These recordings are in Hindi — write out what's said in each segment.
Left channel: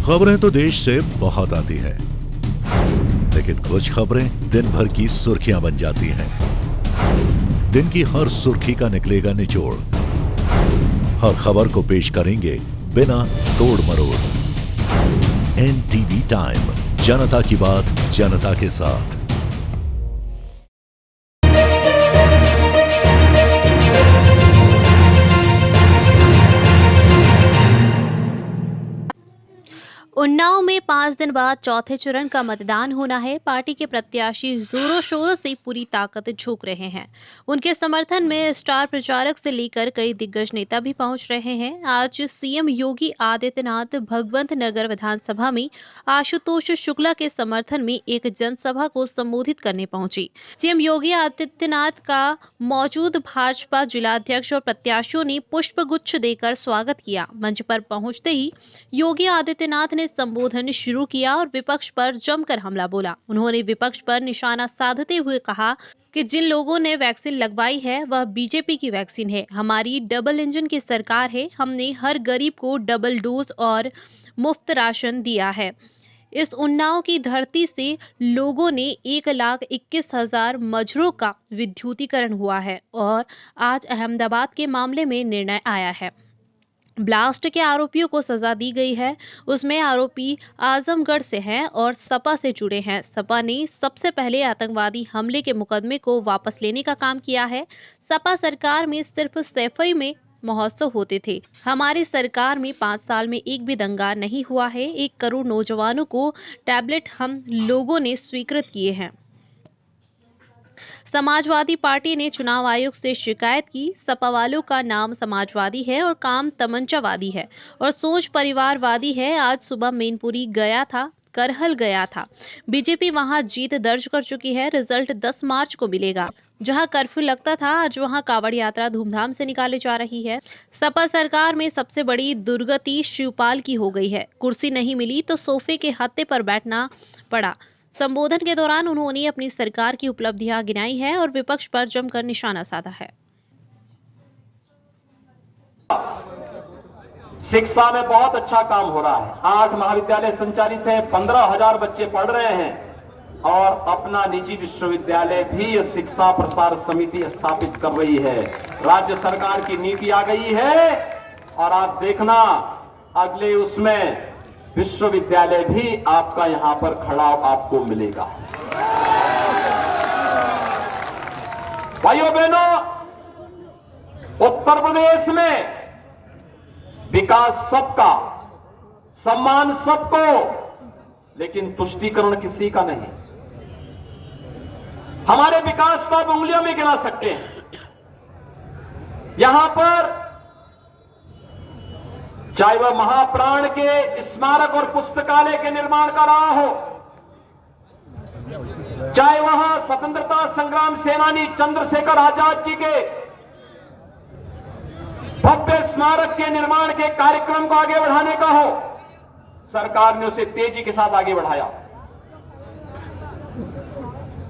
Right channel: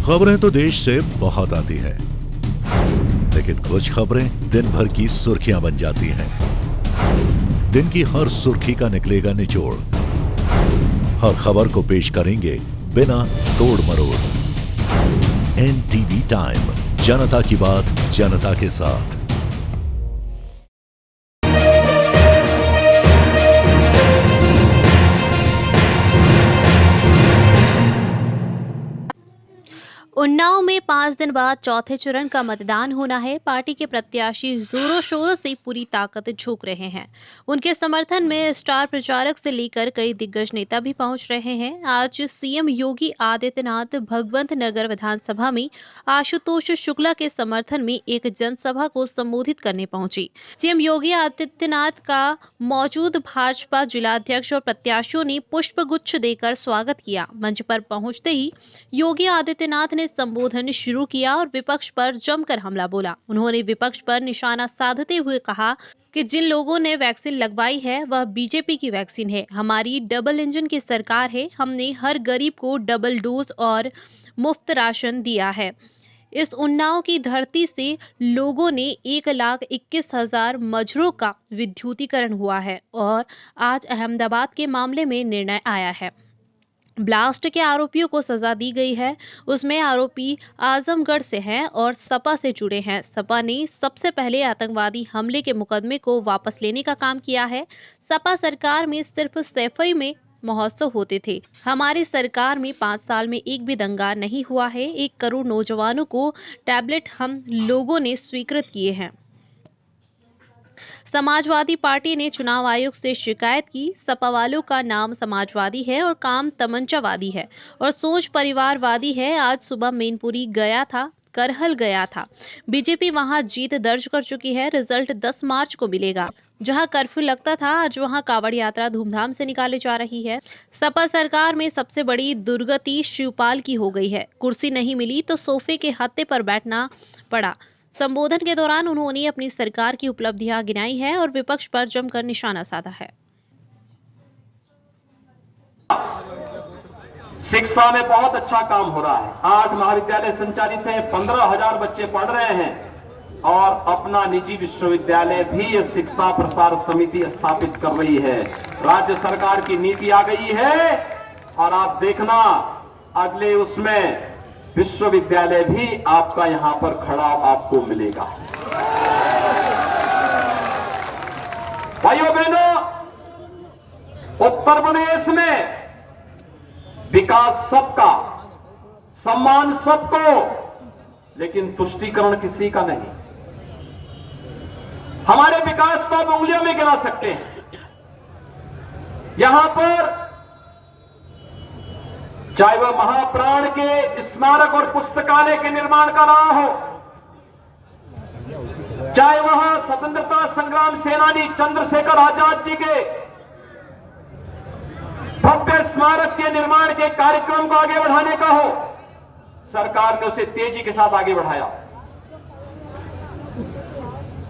खबरें तो देश से बहुत आती हैं, लेकिन कुछ खबरें दिन भर की सुर्खियां बन जाती हैं। दिन की हर सुर्खी का निकलेगा निचोड़। हर खबर को पेश करेंगे बिना तोड़ मरोड़। NTV टाइम, जनता की बात जनता के साथ। उन्नाव में 5 दिन बाद चौथे चरण का मतदान होना है। पार्टी के प्रत्याशी जोरों शोरों से पूरी ताकत झोंक रहे हैं। उनके समर्थन में स्टार प्रचारक से लेकर कई दिग्गज नेता भी पहुंच रहे हैं। आज सीएम योगी आदित्यनाथ भगवंत नगर विधानसभा में आशुतोष शुक्ला के समर्थन में एक जनसभा को संबोधित करने पहुंची। सीएम योगी आदित्यनाथ का मौजूद भाजपा जिलाध्यक्ष और प्रत्याशियों ने पुष्पगुच्छ देकर स्वागत किया। मंच पर पहुंचते ही योगी आदित्यनाथ ने संबोधन शुरू किया और विपक्ष पर जमकर हमला बोला। उन्होंने विपक्ष पर निशाना साधते हुए कहा कि जिन लोगों ने वैक्सीन लगवाई है वह बीजेपी की वैक्सीन है। हमारी डबल इंजन की सरकार है। हमने हर गरीब को डबल डोज और मुफ्त राशन दिया है। इस उन्नाव की धरती से लोगों ने 1,21,000 मजरों का विद्युतीकरण हुआ है और आज अहमदाबाद के मामले में निर्णय आया है। ब्लास्ट के आरोपियों को सजा दी गई है। उसमें आरोपी आजमगढ़ से हैं और सपा से जुड़े हैं। सपा ने सबसे पहले आतंकवादी हमले के मुकदमे को वापस लेने का काम किया है। सपा सरकार में सिर्फ सैफई में महोत्सव होते थे। हमारी सरकार में 5 साल में एक भी दंगा नहीं हुआ है। 1 करोड़ नौजवानों को टैबलेट हम लोगों ने स्वीकृत किए हैं। समाजवादी पार्टी ने चुनाव आयोग से शिकायत की। सपा वालों का नाम समाजवादी है और काम तमंचावादी है और सोच परिवारवादी है। आज सुबह मैनपुरी गया था, करहल गया था। बीजेपी वहां जीत दर्ज कर चुकी है। रिजल्ट 10 मार्च को मिलेगा। जहां कर्फ्यू लगता था, आज वहां कावड़ यात्रा धूमधाम से निकाली जा रही है। सपा सरकार में सबसे बड़ी दुर्गति शिवपाल की हो गई है। कुर्सी नहीं मिली तो सोफे के हत्थे पर बैठना पड़ा। संबोधन के दौरान उन्होंने अपनी सरकार की उपलब्धियां गिनाई है और विपक्ष पर जमकर निशाना साधा है। शिक्षा में बहुत अच्छा काम हो रहा है। 8 महाविद्यालय संचालित हैं, 15,000 बच्चे पढ़ रहे हैं और अपना निजी विश्वविद्यालय भी ये शिक्षा प्रसार समिति स्थापित कर रही है। राज्य सरकार की नीति आ गई है और आप देखना अगले उसमें विश्वविद्यालय भी आपका यहां पर खड़ा आपको मिलेगा। भाइयों बहनों, उत्तर प्रदेश में विकास सबका, सम्मान सबको, लेकिन तुष्टीकरण किसी का नहीं। हमारे विकास को आप उंगलियों में गिना सकते हैं। यहां पर चाहे वह महाप्राण के स्मारक और पुस्तकालय के निर्माण का रहा हो, चाहे वह स्वतंत्रता संग्राम सेनानी चंद्रशेखर आजाद जी के भव्य स्मारक के निर्माण के कार्यक्रम को आगे बढ़ाने का हो, सरकार ने उसे तेजी के साथ आगे बढ़ाया।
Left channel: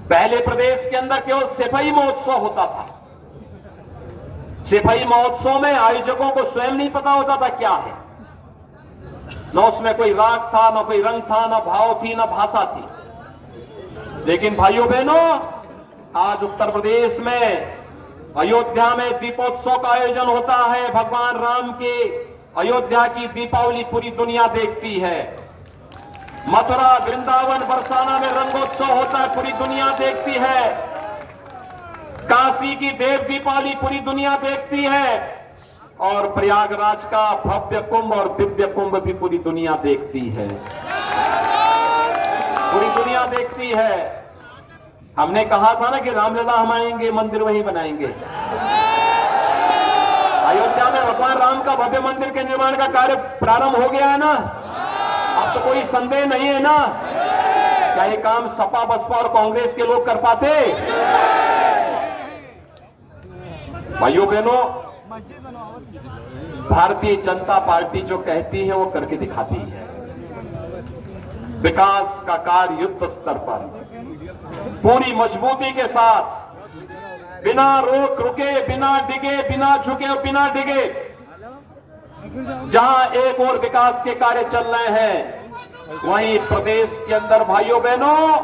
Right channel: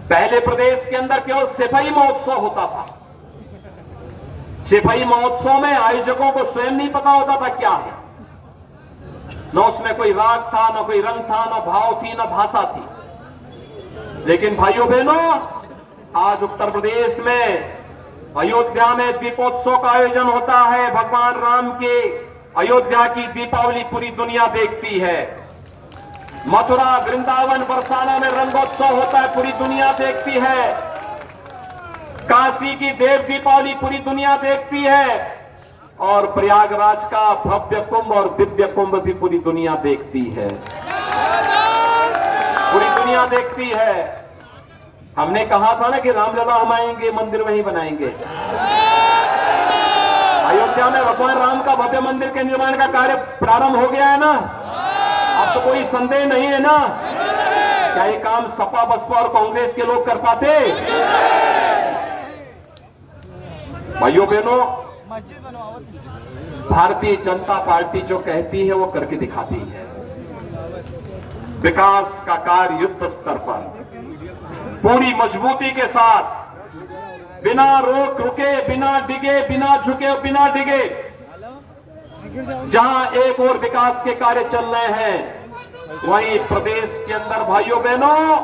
पहले प्रदेश के अंदर केवल सिपाही महोत्सव होता था। सिपाही महोत्सव में आयोजकों को स्वयं नहीं पता होता था क्या है। न उसमें कोई राग था, न कोई रंग था, न भाव थी, न भाषा थी। लेकिन भाइयों बहनों, आज उत्तर प्रदेश में अयोध्या में दीपोत्सव का आयोजन होता है। भगवान राम की अयोध्या की दीपावली पूरी दुनिया देखती है। मथुरा, वृंदावन, बरसाना में रंगोत्सव होता है, पूरी दुनिया देखती है। काशी की देव दीपावली पूरी दुनिया देखती है और प्रयागराज का भव्य कुंभ और दिव्य कुंभ भी पूरी दुनिया देखती है। पूरी दुनिया देखती है। हमने कहा था ना कि रामलला हम आएंगे, मंदिर वहीं बनाएंगे। अयोध्या में भगवान राम का भव्य मंदिर के निर्माण का कार्य प्रारंभ हो गया है ना। अब तो कोई संदेह नहीं है ना। क्या ये काम सपा, बसपा और कांग्रेस के लोग कर पाते? भाइयों बहनों, भारतीय जनता पार्टी जो कहती है वो करके दिखाती है। विकास का कार्य युद्ध स्तर पर पूरी मजबूती के साथ, बिना रोक रुके, बिना डिगे, बिना झुके, बिना डिगे, जहां एक और विकास के कार्य चल रहे हैं, वहीं प्रदेश के अंदर भाइयों बहनों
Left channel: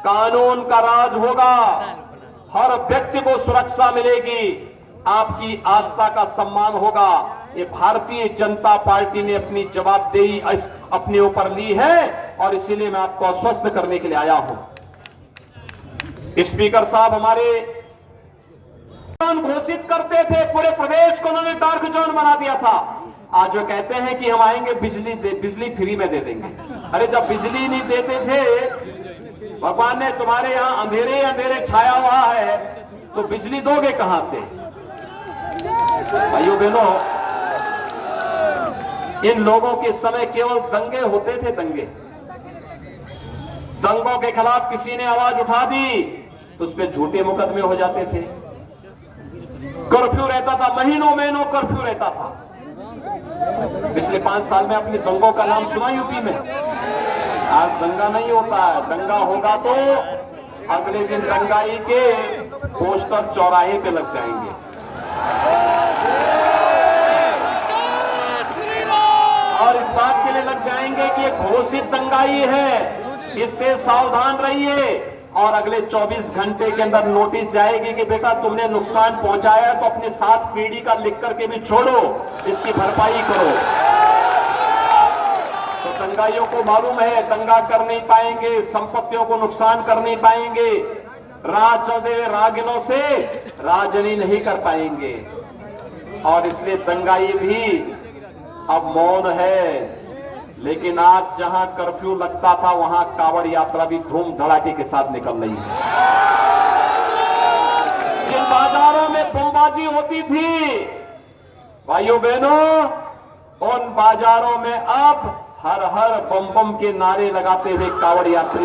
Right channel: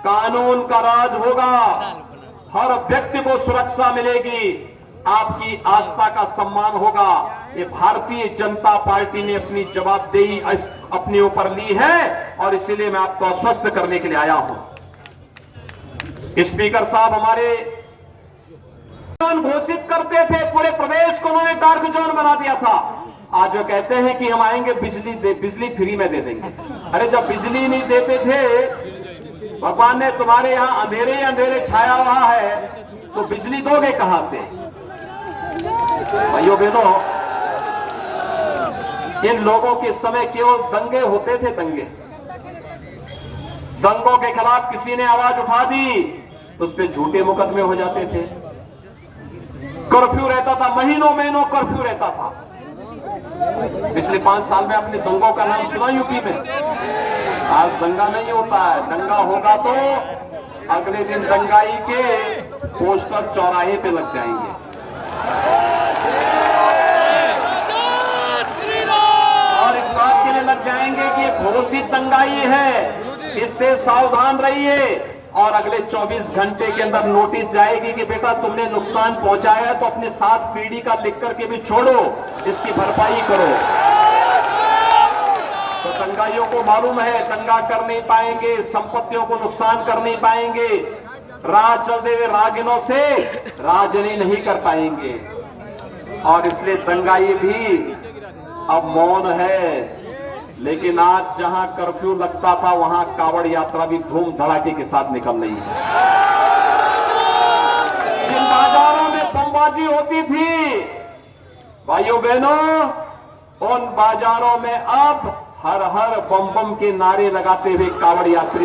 कानून का राज होगा, हर व्यक्ति को सुरक्षा मिलेगी, आपकी आस्था का सम्मान होगा। ये भारतीय जनता पार्टी ने अपनी जवाबदेही अपने ऊपर ली है और इसीलिए मैं आपको आश्वस्त करने के लिए आया हूं। स्पीकर साहब हमारे घोषित करते थे, पूरे प्रदेश को उन्होंने डार्क जोन बना दिया था। आज वो कहते हैं कि हम आएंगे बिजली फ्री में दे देंगे। अरे जब बिजली नहीं देते थे, भगवान ने तुम्हारे यहां अंधेरे अंधेरे छाया हुआ है, तो बिजली दोगे कहां से? भाइयों बहनों, इन लोगों के समय केवल दंगे होते थे, दंगों के खिलाफ किसी ने आवाज उठा दी तो उस पर झूठे मुकदमे हो जाते थे। कर्फ्यू रहता था, महीनों महीनों कर्फ्यू रहता था। पिछले 5 साल में आपने दंगों का नाम सुना यूपी में? आज दंगा नहीं होता है। दंगा होगा तो अगले दिन दंगाई के पोस्टर चौराहे पे लग जाएंगे। और इस बात के लिए लग जाएंगे कि घोषित दंगाई है, इससे सावधान रहिए। और अगले 24 घंटे के अंदर नोटिस जाएगी कि बेटा तुमने नुकसान पहुंचाया तो अपने 7 पीढ़ी का लिख करके भी छोड़ो, इसकी भरपाई करो। तो दंगाइयों को मालूम है दंगा कर नहीं पाएंगे, संपत्तियों को नुकसान कर नहीं पाएंगे, राज चलते हुए रागिनों से राजनी नहीं कर पाएंगे। और इसलिए दंगाई भी अब मौन है। लेकिन आज जहां कर्फ्यू लगता था वहां कावड़ यात्रा भी धूम धड़ाके के साथ निकल रही है। जिन बाजारों में बमबाजी होती थी भाइयों बहनों, उन बाजारों में अब हर हर बम बम के नारे लगाते हुए कावड़ यात्री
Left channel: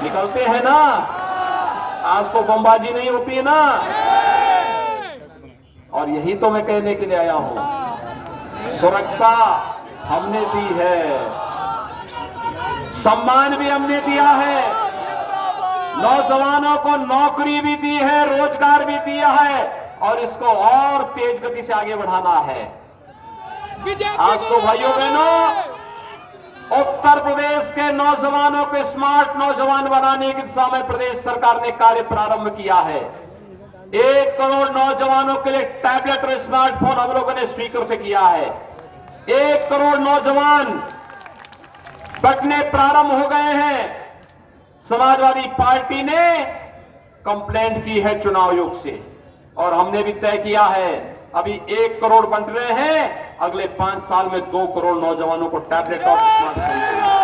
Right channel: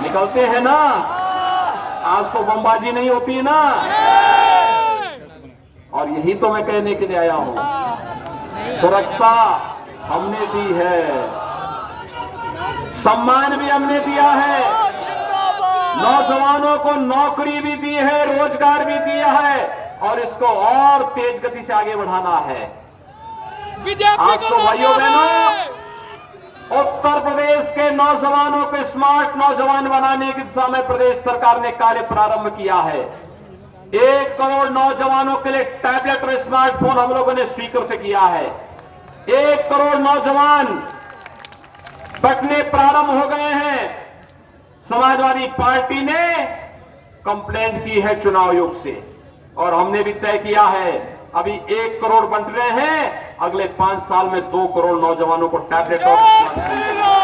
निकलते हैं ना। आज तो बमबाजी नहीं होती ना। और यही तो मैं कहने के लिए आया हूं, सुरक्षा हमने दी है, सम्मान भी हमने दिया है, नौजवानों को नौकरी भी दी है, रोजगार भी दिया है और इसको और तेज गति से आगे बढ़ाना है। आज तो भाइयों बहनों, उत्तर प्रदेश के नौजवानों को स्मार्ट नौजवान बनाने की दिशा में प्रदेश सरकार ने कार्य प्रारंभ किया है। 1 करोड़ नौजवानों के लिए टैबलेट और स्मार्टफोन हम लोगों ने स्वीकृत किया है। 1 करोड़ नौजवान बटने प्रारंभ हो गए हैं। समाजवादी पार्टी ने कंप्लेंट की है चुनाव आयोग से और हमने भी तय किया है, अभी 1 करोड़ बंट रहे हैं, अगले 5 साल में 2 करोड़ नौजवानों को टैबलेट और स्मार्टफोन